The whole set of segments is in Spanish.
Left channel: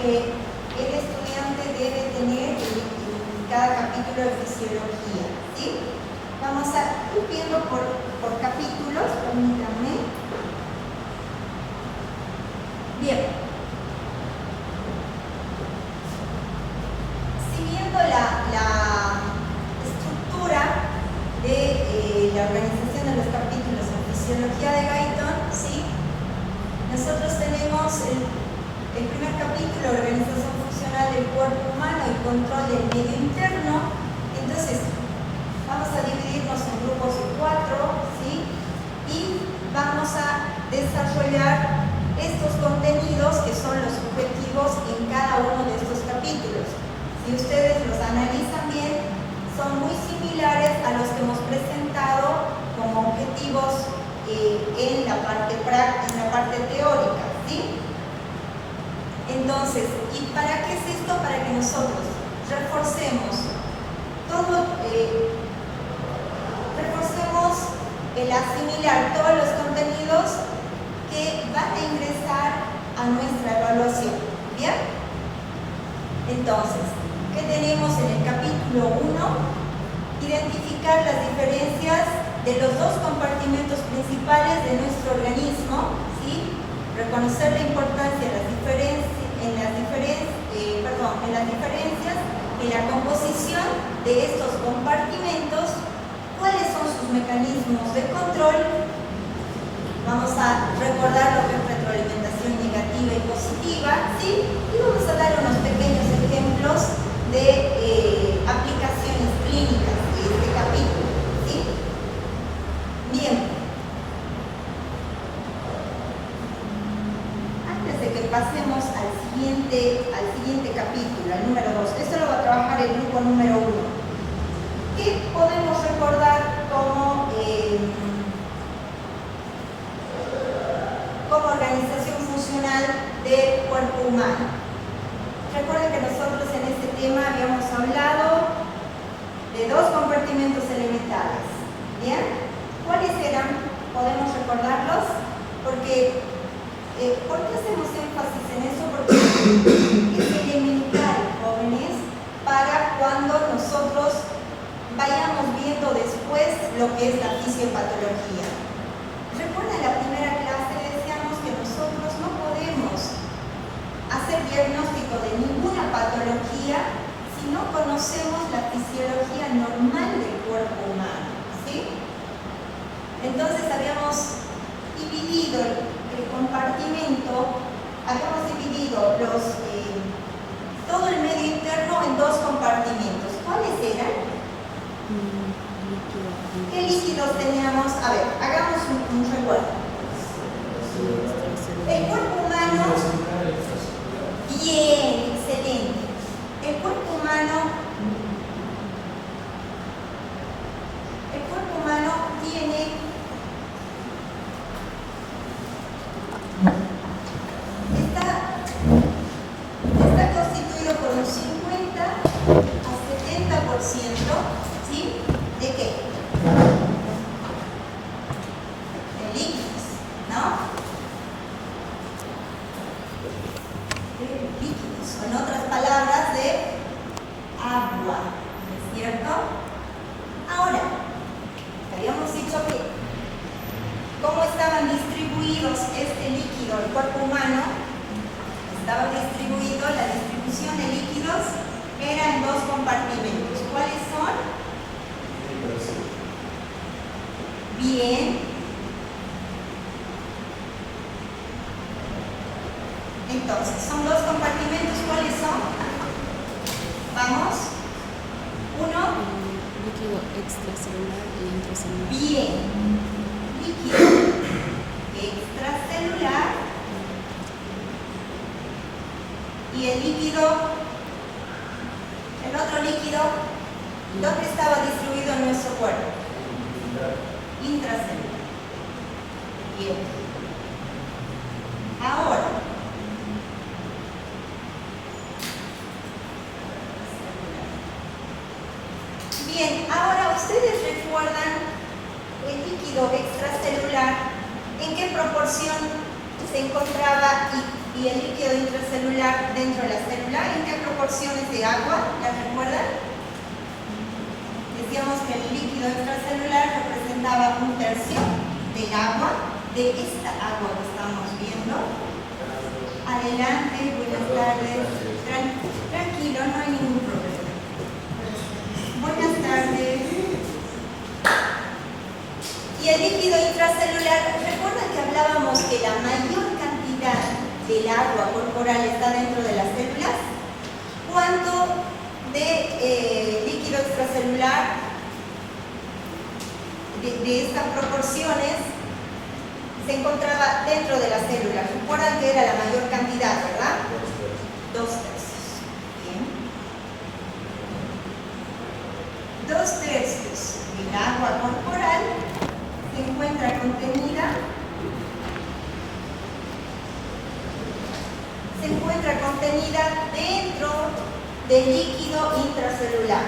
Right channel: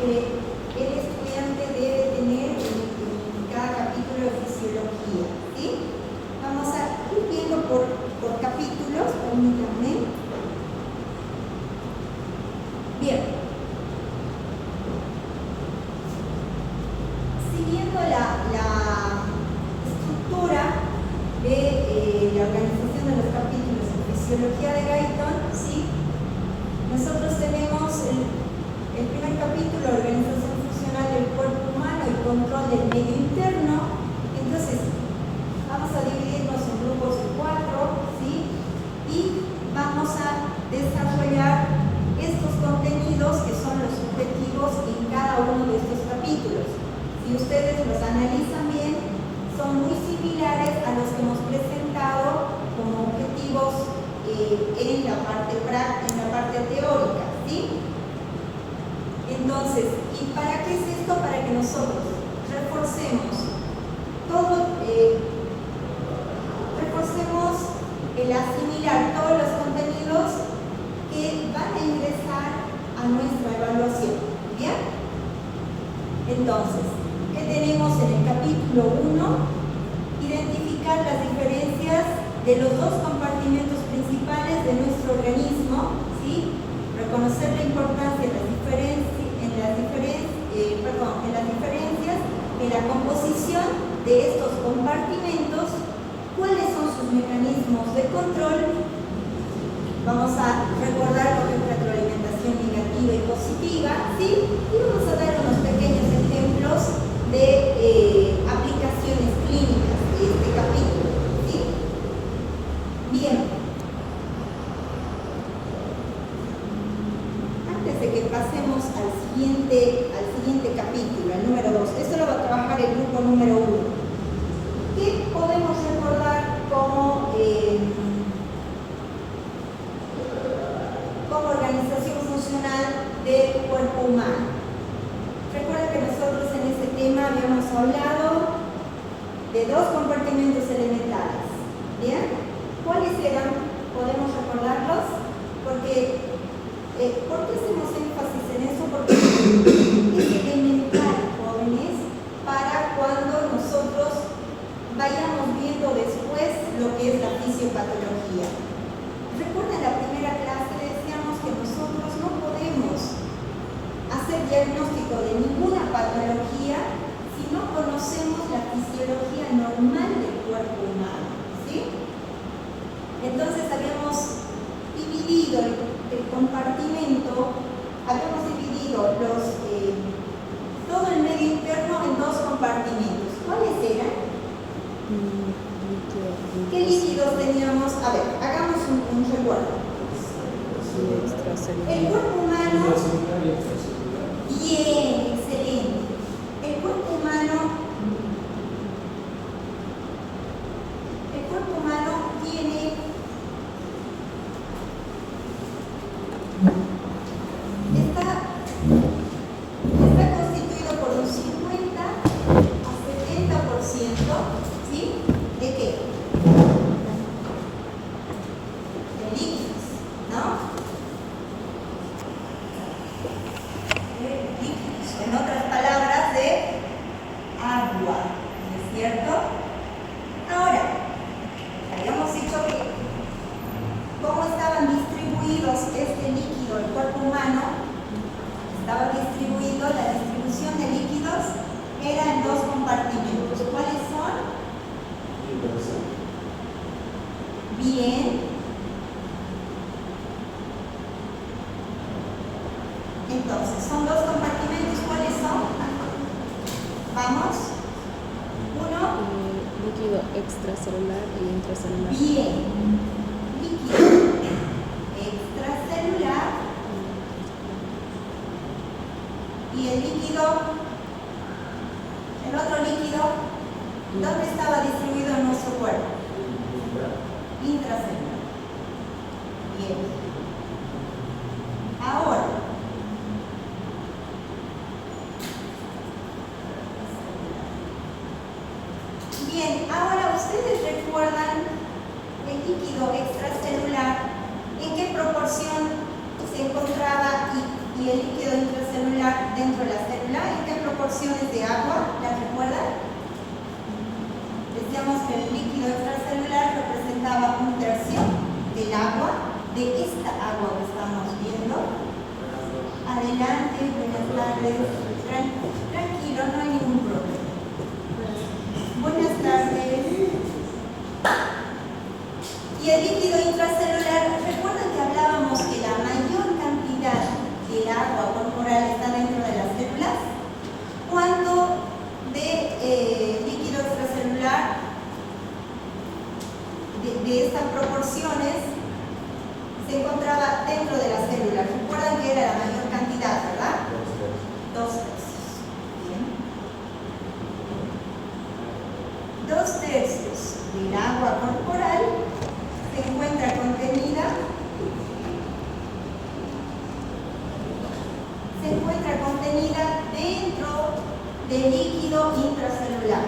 que el estudiante debe tener en cada capítulo de fisiología, ¿sí? Vamos a ir viendo por capítulos, permítanme. Bien. Siguiendo la estructura de la organización de los capítulos en fisiología de Guyton, ¿sí? Nosotros tenemos el primer capítulo, organización funcional del cuerpo humano y control del medio interno. Entonces, vamos a dividirnos en grupos de 4, ¿sí? Y vamos a desarrollar estos contenidos que son los objetivos en cada uno de estos capítulos. Si ustedes los analizan bien, son muy similares a los que hemos presentado como objetivos en la parte teórica, ¿sí? Entonces, ¿y para qué es esto? Para que nosotros reforcemos el asimilar todos los contenidos que van a ingresar a nuestra evaluación, ¿bien? Entonces, ¿qué tenemos en el capítulo 1? Identificar las diferencias de los dos compartimentos principales de nuestro organismo, ¿sí? Reconocer la importancia de las diferencias en la composición de estos compartimentos, cuáles son sus mecanismos de control. Vamos a recordar lo que es retroalimentación negativa y positiva, ¿sí? Y vamos a dar unos pequeños ejemplos de aplicaciones clínicas de este capítulo, ¿sí? Bien. Antes de que pasemos al siguiente capítulo, al número 2, esto lo va a trabajar el grupo número 1. ¿Qué podemos recordar como organización funcional del cuerpo humano? Recuerden que nosotros en este tema habíamos hablado de dos compartimentos elementales, ¿bien? ¿Cuáles eran? ¿Podemos recordarlos? Porque, ¿por qué hacemos énfasis en eso? Porque es elemental, jóvenes, para cuando nosotros vayamos viendo después lo que es la fisiopatología. Recuerden la primera clase, decíamos que nosotros no podemos hacer diagnóstico de ninguna patología si no conocemos la fisiología normal del cuerpo humano, ¿sí? Entonces habíamos dividido el compartimento, habíamos dividido todo el medio interno en dos compartimentos. ¿Cuáles eran? ¿Qué líquidos teníamos? A ver, hagamos un recuerdo. El cuerpo humano. Bien, excelente. El cuerpo humano tiene está constituido por un 50 a 70%, ¿sí? ¿De qué? De líquidos, ¿no? De líquidos, en otras palabras, de agua, ¿no es cierto? Ahora, habíamos dicho que cómo estaban distribuidos este líquido, el cuerpo humano, estaba distribuido, la distribución de líquidos era en dos compartimentos. ¿Cuáles son? Bien. Entonces, son dos compartimentos. ¿Cuáles son? Vamos. Uno. Líquido extracelular y intracelular. Bien. Líquido extracelular y el otro líquido, ¿dónde estaba distribuido en nuestro cuerpo? Intracelular. Bien. Ahora, ¿ustedes recuerdan el líquido extracelular? ¿En qué proporción se encontraba y el líquido intracelular dentro de la de agua, ¿la recuerdan? Decíamos que el líquido extracelular representaba 1/3 del agua, de esta agua que estamos viendo. Adelante, buenas tardes. Tranquilo, no hay ningún problema. Buenas tardes. Y el líquido intracelular, ¿recuerdan que hablábamos que la mayor cantidad del agua corporal está dentro de las células? ¿Cuánto de líquido extracelular de estas proporciones se encontraba dentro de las células? Recuerdan que era la mayor cantidad, ¿verdad? 2/3. Bien. 2/3 del agua corporal se encuentra contenida dentro del líquido intracelular.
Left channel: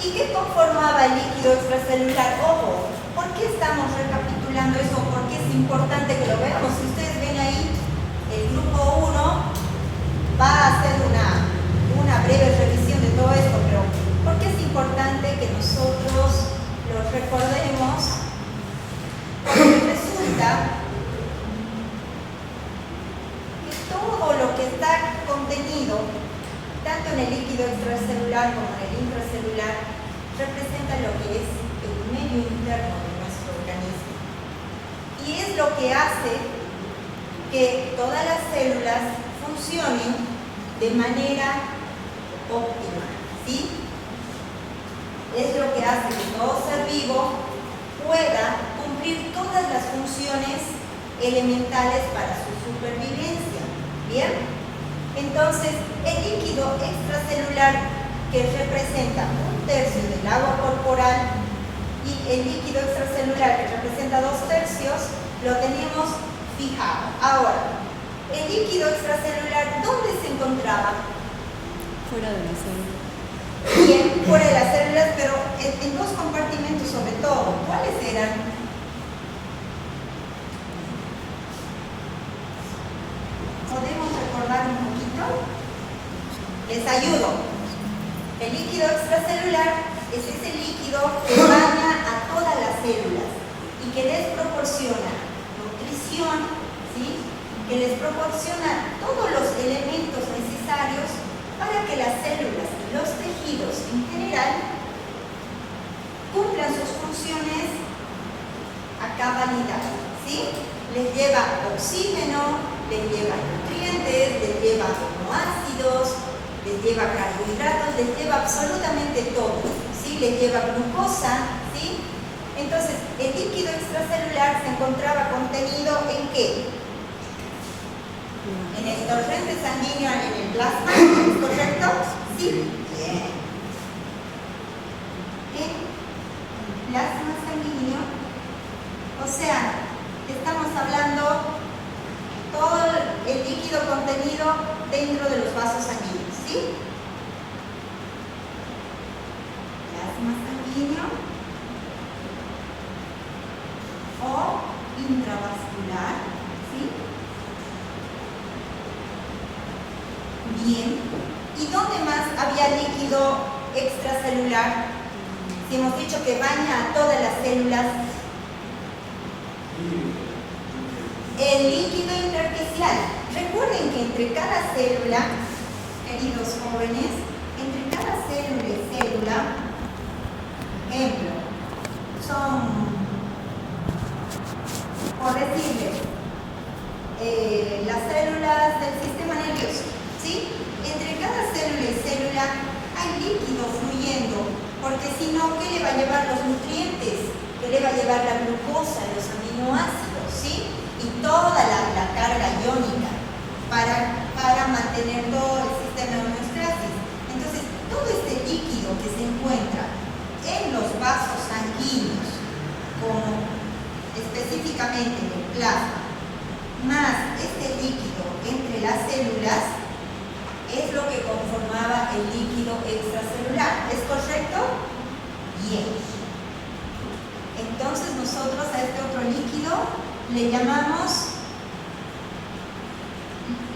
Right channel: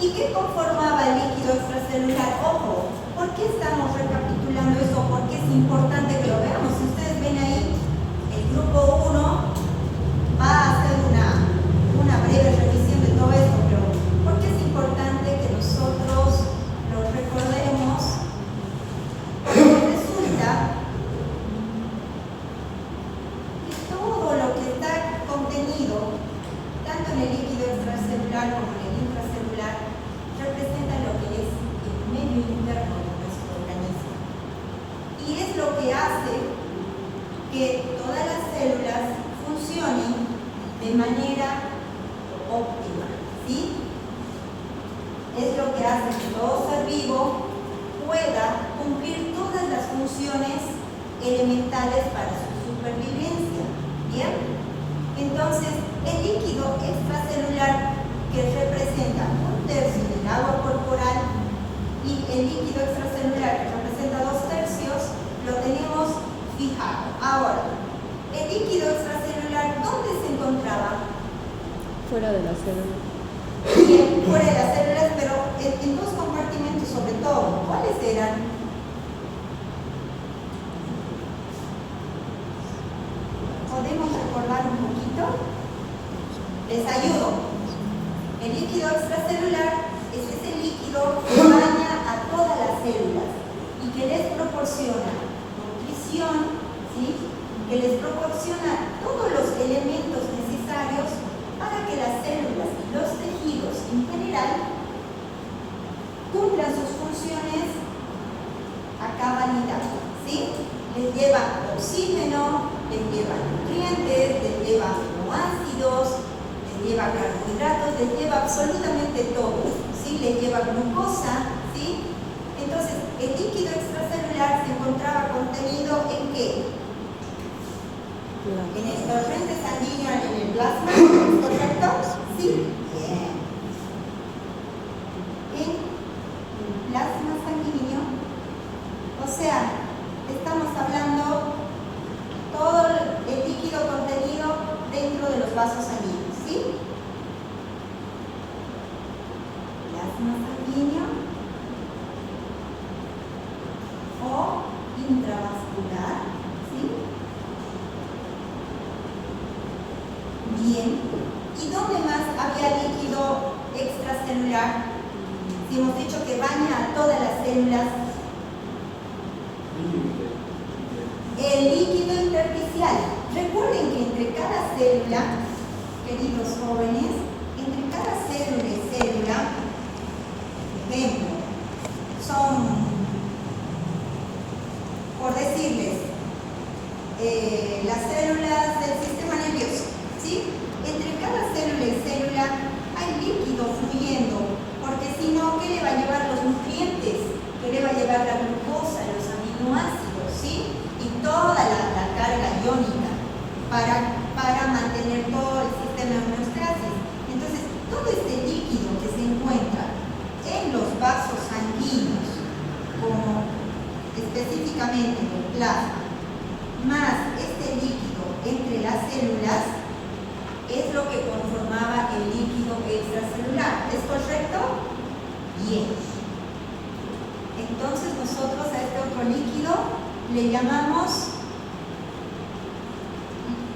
¿Y qué conformaba el líquido extracelular? Ojo, ¿por qué estamos recapitulando eso? Porque es importante que lo veamos. Si ustedes ven ahí, el grupo 1 va a hacer una breve revisión de todo esto, pero ¿por qué es importante que nosotros lo recordemos? Porque resulta que todo lo que está contenido, tanto en el líquido extracelular como en el intracelular, representa lo que es el medio interno de nuestro organismo. Y es lo que hace que todas las células funcionen de manera óptima, ¿sí? Es lo que hace que todo ser vivo pueda cumplir todas las funciones elementales para su supervivencia. ¿Bien? Entonces, el líquido extracelular, que representa 1/3 del agua corporal, y el líquido extracelular, que representa 2/3, lo tenemos fijado. Ahora, el líquido extracelular, ¿dónde se encontraba? Fuera de la célula. Bien, fuera de las células, pero en dos compartimentos sobre todo. ¿Cuáles eran? ¿Podemos recordar un poquito? Les ayudo. El líquido extracelular es ese líquido que baña a todas las células y que les proporciona nutrición, ¿sí? Que les proporciona todos los elementos necesarios para que las células y los tejidos en general cumplan sus funciones a cabalidad, ¿sí? Les lleva oxígeno, les lleva nutrientes, les lleva aminoácidos, les lleva carbohidratos, les lleva absolutamente todo, ¿sí? Les lleva glucosa, ¿sí? Entonces, el líquido extracelular se encontraba contenido ¿en qué? En el torrente sanguíneo, en el plasma, ¿correcto? Sí. Bien. En plasma sanguíneo, o sea, estamos hablando todo el líquido contenido dentro de los vasos sanguíneos, ¿sí? Plasma sanguíneo o intravascular, ¿sí? Bien. ¿Y dónde más había líquido extracelular? Si hemos dicho que baña a todas las células. El líquido intersticial. Recuerden que entre cada célula, queridos jóvenes, entre cada célula y célula, ejemplo, son, por decirles, las células del sistema nervioso, ¿sí? Entre cada célula y célula hay líquido fluyendo, porque si no, ¿qué le va a llevar los nutrientes? ¿Qué le va a llevar la glucosa, los aminoácidos, ¿sí? Y toda la carga iónica para mantener todo el sistema de homeostasis. Entonces, todo este líquido que se encuentra en los vasos sanguíneos, como específicamente en el plasma, más este líquido entre las células, es lo que conformaba el líquido extracelular. ¿Es correcto? Bien. Entonces nosotros a este otro líquido le llamamos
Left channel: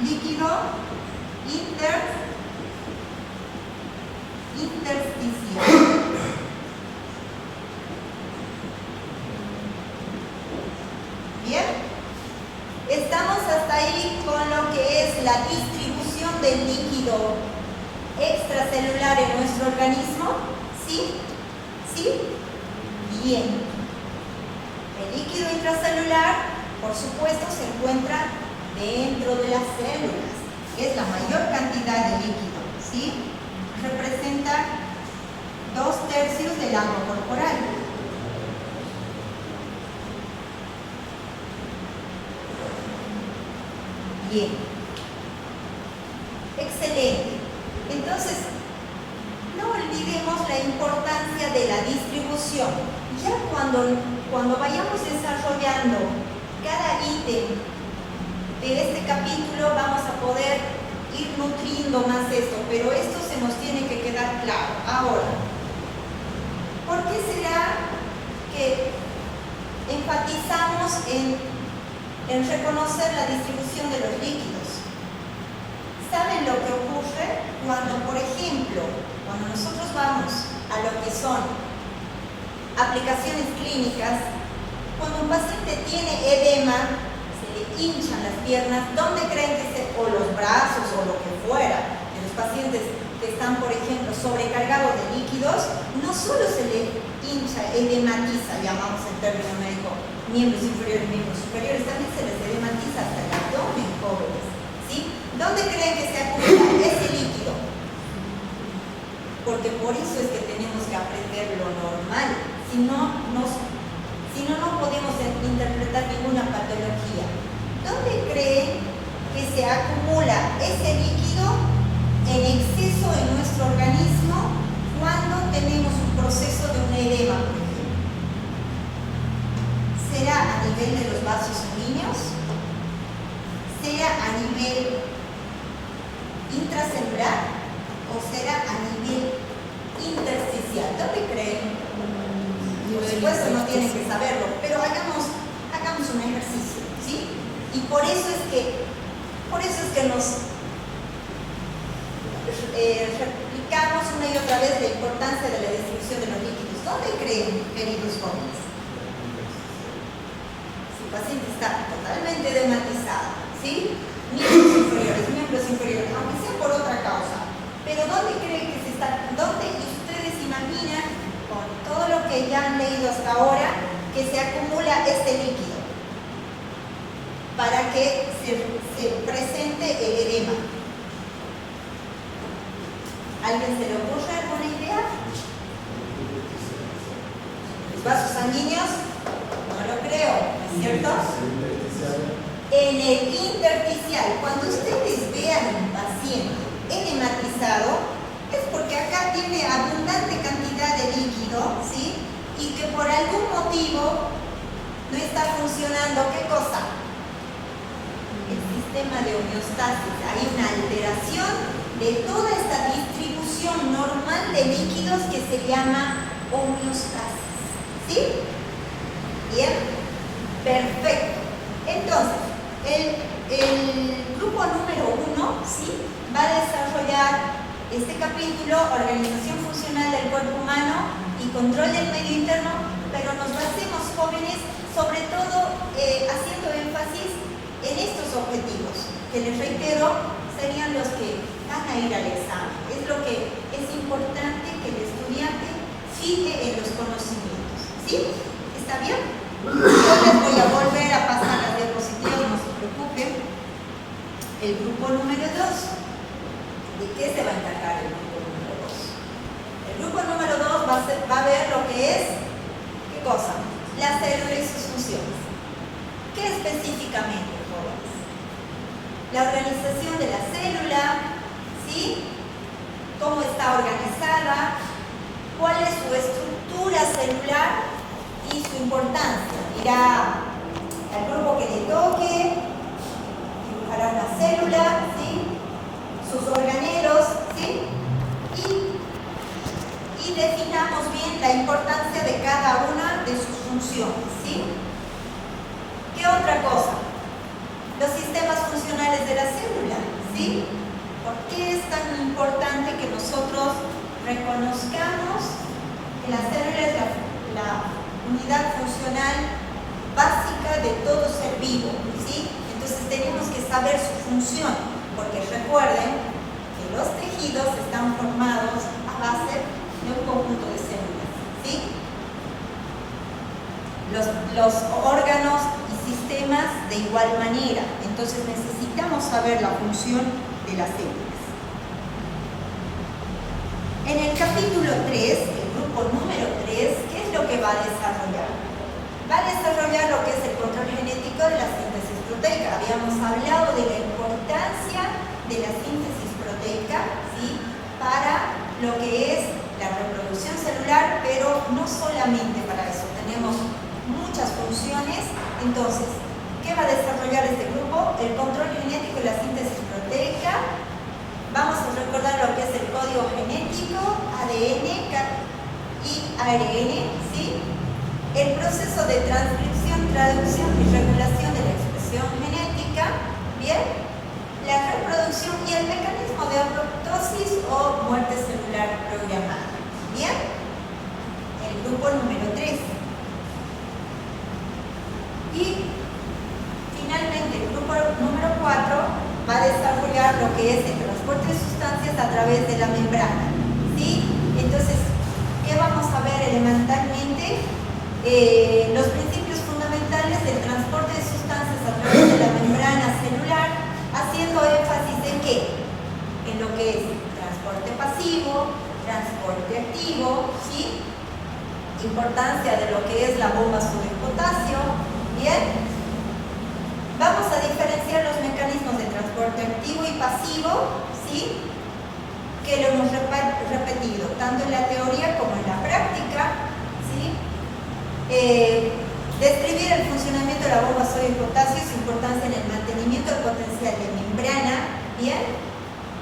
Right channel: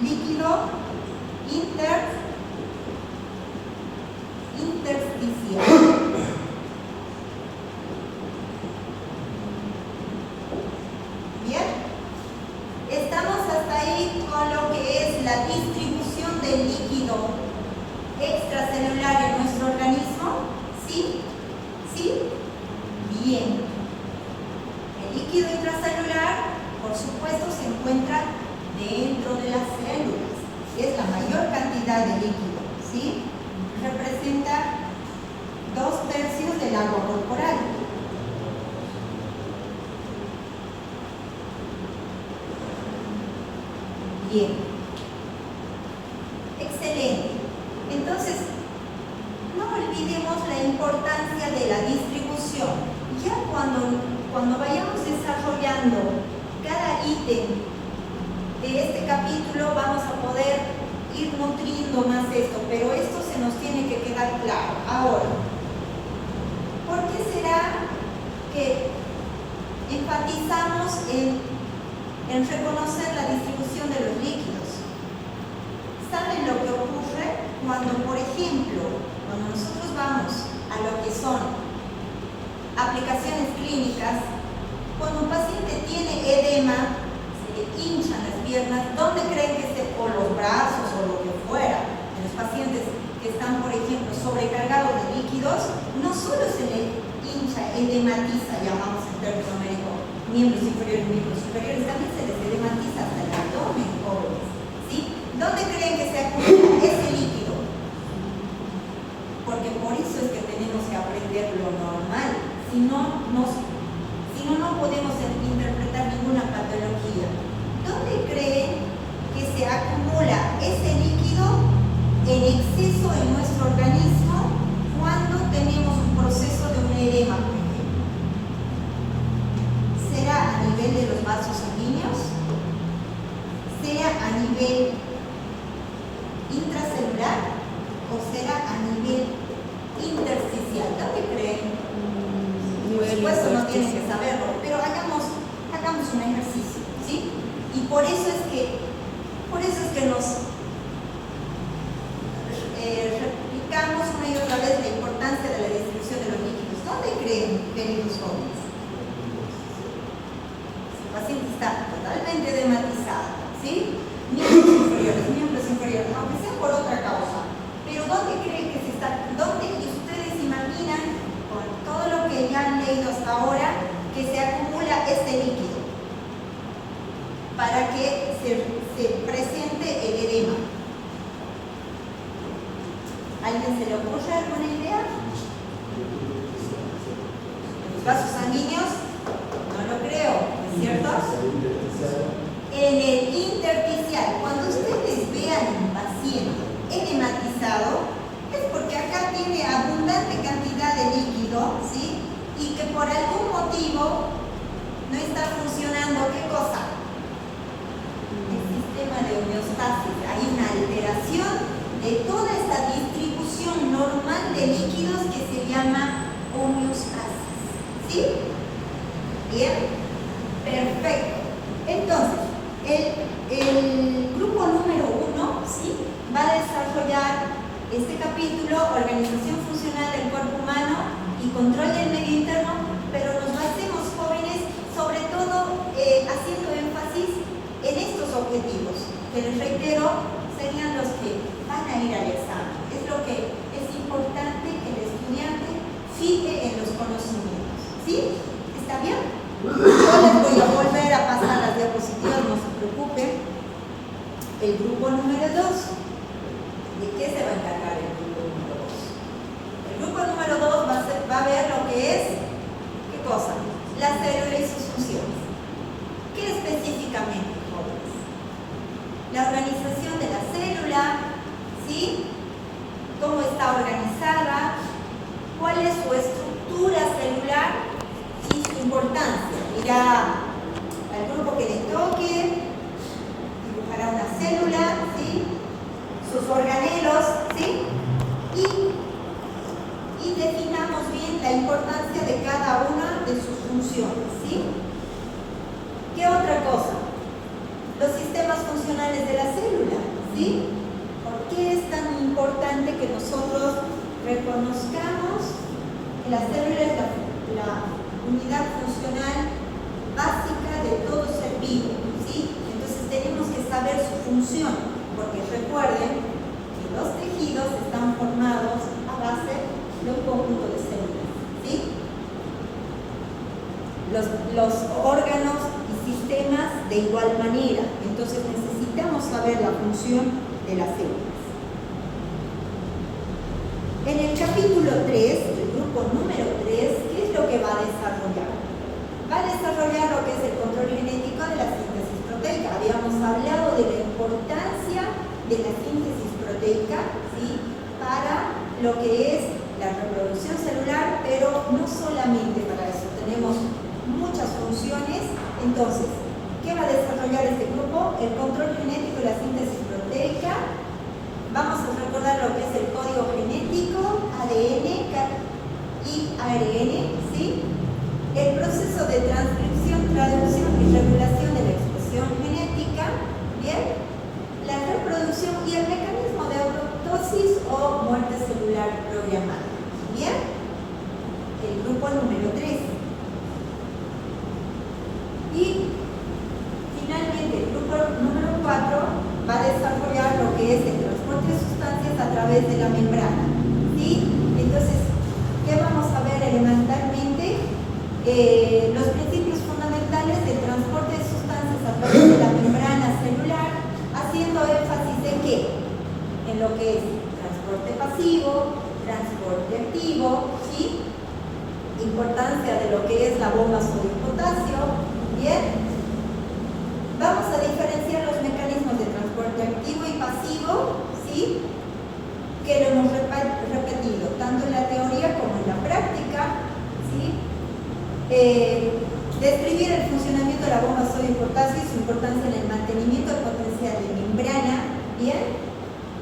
líquido ahí con lo que es la distribución del líquido extracelular en nuestro organismo? ¿Sí? ¿Sí? Bien. El líquido intracelular, por supuesto, se encuentra dentro de las células, que es la mayor cantidad de líquido, ¿sí? Representa 2/3 del agua corporal. Bien. Excelente. Entonces, no olvidemos la importancia de la distribución. Ya cuando vayamos desarrollando cada ítem de este capítulo, vamos a poder ir nutriendo más esto, pero esto se nos tiene que quedar claro. Ahora, ¿por qué será que enfatizamos en reconocer la distribución de los líquidos? ¿Saben lo que ocurre cuando, por ejemplo, cuando nosotros vamos a lo que son aplicaciones clínicas, cuando un paciente tiene edema, se le hinchan las piernas, ¿dónde creen que o los brazos o lo que fuera? En los pacientes que están, por ejemplo, sobrecargados de líquidos, no solo se le hincha, edematiza, llamamos en términos médicos, miembros inferiores, miembros superiores, también se les edematiza hasta el abdomen, jóvenes, ¿sí? ¿Dónde creen que se acumula ese líquido? Porque por eso es que tenemos que aprender lo normal, si no, no podemos interpretar ninguna patología. ¿Dónde creen que se acumula ese líquido en exceso en nuestro organismo cuando tenemos un proceso de un edema, por ejemplo? ¿Será a nivel de los vasos sanguíneos? ¿Será a nivel intracelular? ¿O será a nivel intersticial? ¿Dónde creen? Por supuesto no tienen que saberlo, pero hagamos un ejercicio, ¿sí? Y por eso es que nos replicamos una y otra vez la importancia de la distribución de los líquidos. ¿Dónde creen, queridos jóvenes? Si el paciente está totalmente edematizado, ¿sí? Miembros inferiores, aunque sea por otra causa. Pero ¿dónde creen que se está? ¿Dónde ustedes imaginan, con todo lo que ya han leído hasta ahora, que se acumula este líquido para que se presente el edema? ¿Alguien se le ocurre alguna idea? ¿Los vasos sanguíneos? No lo creo, ¿es cierto? En el intersticial, cuando ustedes vean un paciente edematizado, es porque acá tiene abundante cantidad de líquido, ¿sí? Y que por algún motivo no está funcionando, ¿qué cosa? El sistema de homeostasis. Hay una alteración de toda esta distribución normal de líquidos que se llama homeostasis, ¿sí? Bien, perfecto. Entonces, el grupo número 1, ¿sí?, va a desarrollar este capítulo, organización funcional del cuerpo humano y control del medio interno, pero nos basemos, jóvenes, sobre todo haciendo énfasis en estos objetivos, que les reitero, serían los que van a ir al examen. Es lo que es importante que el estudiante fije en los conocimientos, ¿sí? ¿Está bien? Yo les voy a volver a pasar las diapositivas, no se preocupen. El grupo número 2. ¿De qué se va a encargar el grupo número 2? El grupo número 2 va a ver lo que es, ¿qué cosa? La célula y sus funciones. ¿Qué específicamente, jóvenes? La organización de la célula, ¿sí? ¿Cómo está organizada? ¿Cuál es su estructura celular y su importancia? Irá al grupo que le toque, dibujará una célula, ¿sí?, sus organelos, ¿sí?, y definamos bien la importancia de cada una de sus funciones, ¿sí? ¿Qué otra cosa? Los sistemas funcionales de la célula, ¿sí? ¿Por qué es tan importante que nosotros reconozcamos que la célula es la unidad funcional básica de todo ser vivo, ¿sí? Entonces tenemos que saber saber su función, porque recuerden que los tejidos están formados a base de un conjunto de células, ¿sí? Los órganos y sistemas de igual manera, entonces necesitamos saber la función de las células. En el capítulo 3, el grupo número 3, ¿qué es lo que va a desarrollar? Va a desarrollar lo que es el control genético de la síntesis proteica. Habíamos hablado de la importancia de la síntesis proteica, ¿sí?, para lo que es la reproducción celular, pero no solamente para eso, tenemos muchas funciones. Entonces, ¿qué va a desarrollar este grupo? El control genético y la síntesis proteica. Vamos a recordar lo que es el código genético, ADN y ARN, ¿sí? El proceso de transcripción, traducción y regulación de la expresión genética, ¿bien? La reproducción y el mecanismo de apoptosis o muerte celular programada, ¿bien? El grupo número 3. Y finalmente el grupo número 4 va a desarrollar lo que es el transporte de sustancias a través de la membrana, ¿sí? Entonces, ¿qué vamos a ver elementalmente? Los principios fundamentales del transporte de sustancias a través de la membrana celular, haciendo énfasis en ¿qué? En lo que es transporte pasivo, transporte activo, ¿sí? Importancia de lo que es la bomba sodio-potasio, ¿bien? Vamos a diferenciar los mecanismos de transporte activo y pasivo, ¿sí?, que lo hemos repetido tanto en la teoría como en la práctica, ¿sí? Describir el funcionamiento de la bomba sodio-potasio y su importancia en el mantenimiento del potencial de membrana, ¿bien?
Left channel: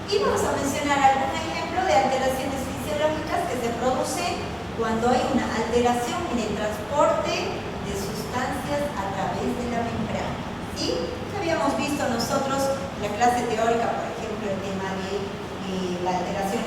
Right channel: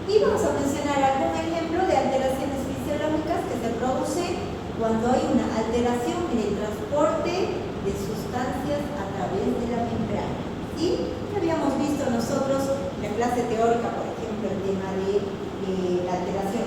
Y vamos a mencionar algún ejemplo de alteraciones fisiológicas que se producen cuando hay una alteración en el transporte de sustancias a través de la membrana, ¿sí? Que habíamos visto nosotros en la clase teórica, por ejemplo, el tema de la alteración